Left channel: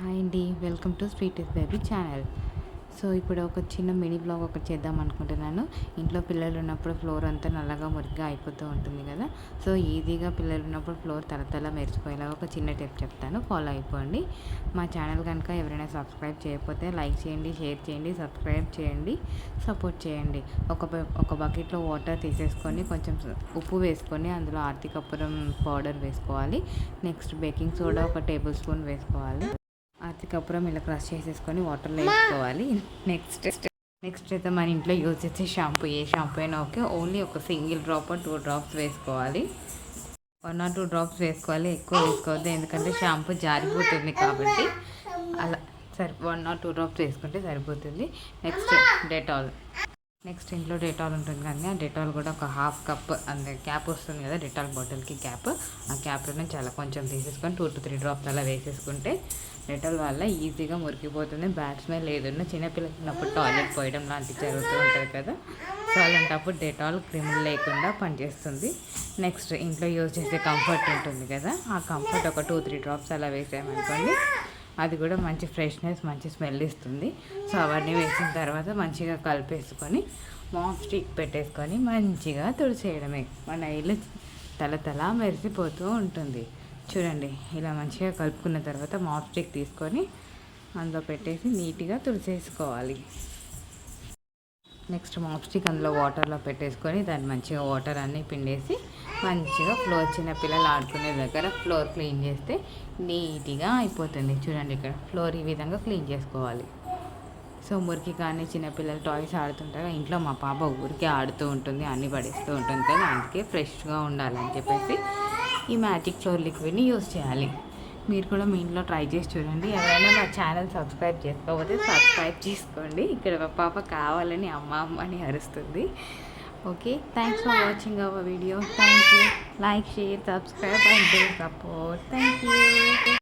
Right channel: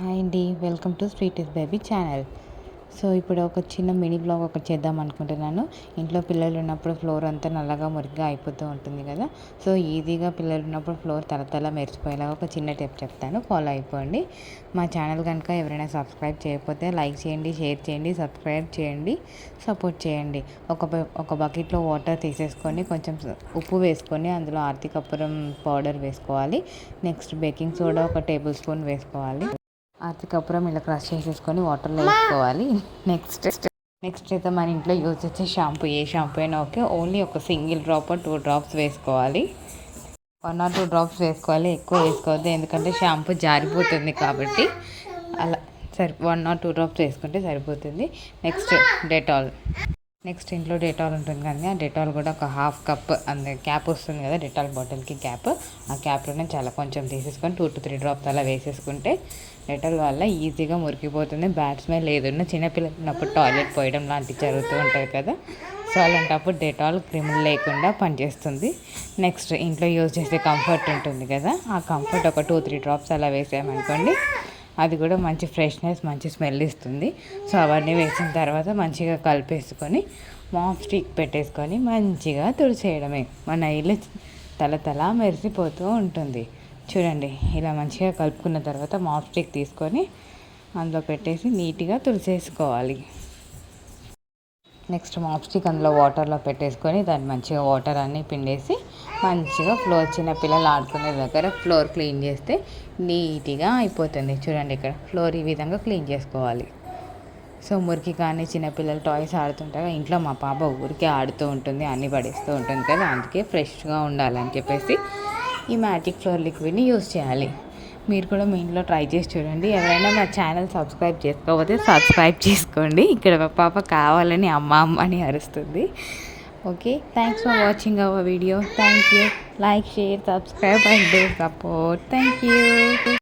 Hi అండి, welcome to sweet is baby channel. So ఇప్పుడు ఒక చిన్న మినీ బ్లాగ్ ఒకటి చేద్దాం అనుకుంటున్నాను. ఇంట్లో పిల్లలు ఉన్నప్పుడు ఫ్లోర్ అంతా నల్లగా మురికిగా అయిపోతూ ఉంటుంది కదా. సో ఈజీగా పిల్లలు ఉన్నప్పుడు ఫ్లోర్ తల మెరిచిపోయేలాగా ఒక చిన్న టిప్ చెప్తాను, ఫాలో అయిపోండి. మా ఛానల్ కనుక ఎవరైనా సబ్స్క్రైబ్ చేయకపోతే లైక్ చేయండి, షేర్ చేయండి, సబ్స్క్రైబ్ చేయండి, సపోర్ట్ చేయండి. ఒక బకెట్లో వాటర్ తీసేసుకొని కొంచెం ఉప్పు వేసుకొని అందులో ఆర్తి కర్పూరం పౌడర్ వేసుకోవాలి. నెక్స్ట్ బేకింగ్ సోడా ఒక టేబుల్ స్పూన్ వేసుకోవాలి. కర్పూరం ఇలా క్రష్ చేసేసుకొని వాటర్లో వేసుకోవాలి. నెక్స్ట్ అయితే మన ఇంట్లో యూజ్ చేసే షాంపూ, ఏ షాంపూ అయినా ఓకే, ఓన్లీ ఒక సింగిల్ డ్రాప్ 2 డ్రాప్స్ వేసుకోవాలి. 1 or 2 డ్రాప్స్ వేసుకోవాలి, ఎక్కువ వేసుకోవద్దు, ఎందుకంటే షాంపూ జారిపోతుంది కాబట్టి. అలా 1 or 2 డ్రాప్స్ వేసుకుంటే సరిపోతుంది. నెక్స్ట్ ఇంట్లో డెటాల్ ఉంటుంది కానీ ఆ డెటాల్ కూడా ఒక హాఫ్ కప్ అండ్ క్యాప్ వస్తుంది కదా, డెటాల్ బాటిల్కి క్యాప్, ఆ క్యాప్లోనే చాలా కొంచెం తీసేసుకొని 2 to 3 డ్రాప్స్ అలా వేసేసుకుంటే డెటాల్ వల్ల ఈజీగా మురికిపోతుంది. బ్యాడ్ స్మెల్ ఏదన్నా చిన్నపిల్లలు ఉన్నప్పుడు టాయిలెట్ పోయడం లాంటివి జరుగుతూ ఉంటుంది కదా, సో అలాంటప్పుడు డెటాల్ క్రిములు లేకుండా పనిచేస్తుంది. నెక్స్ట్ ఇంట్లో యూజ్ చేసే కంఫర్ట్ ఉంటుంది కదా, ఆ కంఫర్ట్ ఒక 2-3 డ్రాప్స్ అలా వేసామనుకోండి, అది కూడా మంచి ఫ్రెష్నెస్, మంచి స్మెల్ ఇస్తుంది. సో అవన్నీ వేసిన తర్వాత మంచిగా కలిపేసుకొని మాప్ స్టిక్ పెట్టేసుకొని మంచిగా తుడిచేయడమే. మన ఇల్లు తల మెరిసిపోతూ ఉంటుంది. చూడండి, ఇలా మంచిగా కలుపుకున్న తర్వాత మాప్ స్టిక్ తీసుకొని అందులో పెట్టేసి నీట్గా తుడిచేసుకోవాలి. నెక్స్ట్ మాప్ స్టిక్ అందులో వాటర్లో పెట్టేసుకొని దాన్ని మంచిగా వాటర్ అన్నీ పిండేసి మంచిగా ఫ్లోర్, చిన్న పిల్లలు ఆడుకునే దగ్గర ఫ్లోర్ క్లీన్ చేస్తే నీట్గా అయిపోతుంది. చూడండి, ఇక్కడ ఫ్లోర్ ఈ విధంగా క్లీన్ చేసుకోవాలి. సో మురికి కానీ చిన్నపిల్లలు టాయ్స్ ఆడుతుంటారు, ఇంట్లో మా పాప ఊరికే ఆడుతూ ఉంటుంది, అన్నీ పడేస్తూ ఉంటుంది కదా, అందుకే ఫ్రెష్గా ఉండాలని చెప్పేసి ఈ మ్యాజిక్ ఫ్లోర్ లిక్విడ్ని యూజ్ చేయాలి. మీరు కూడా మీ ఇంట్లో ట్రై చేసి చూడండి. ఎవరైనా మా ఛానల్ సబ్స్క్రైబ్ చేసుకోకపోతే సబ్స్క్రైబ్ చేసుకోండి. ఇక్కడ మా పాప కావాలని అమ్మ అని అరుస్తుంది. Okay, thanks for watching our video. Thank you. Like, share, subscribe and do support. Thank you.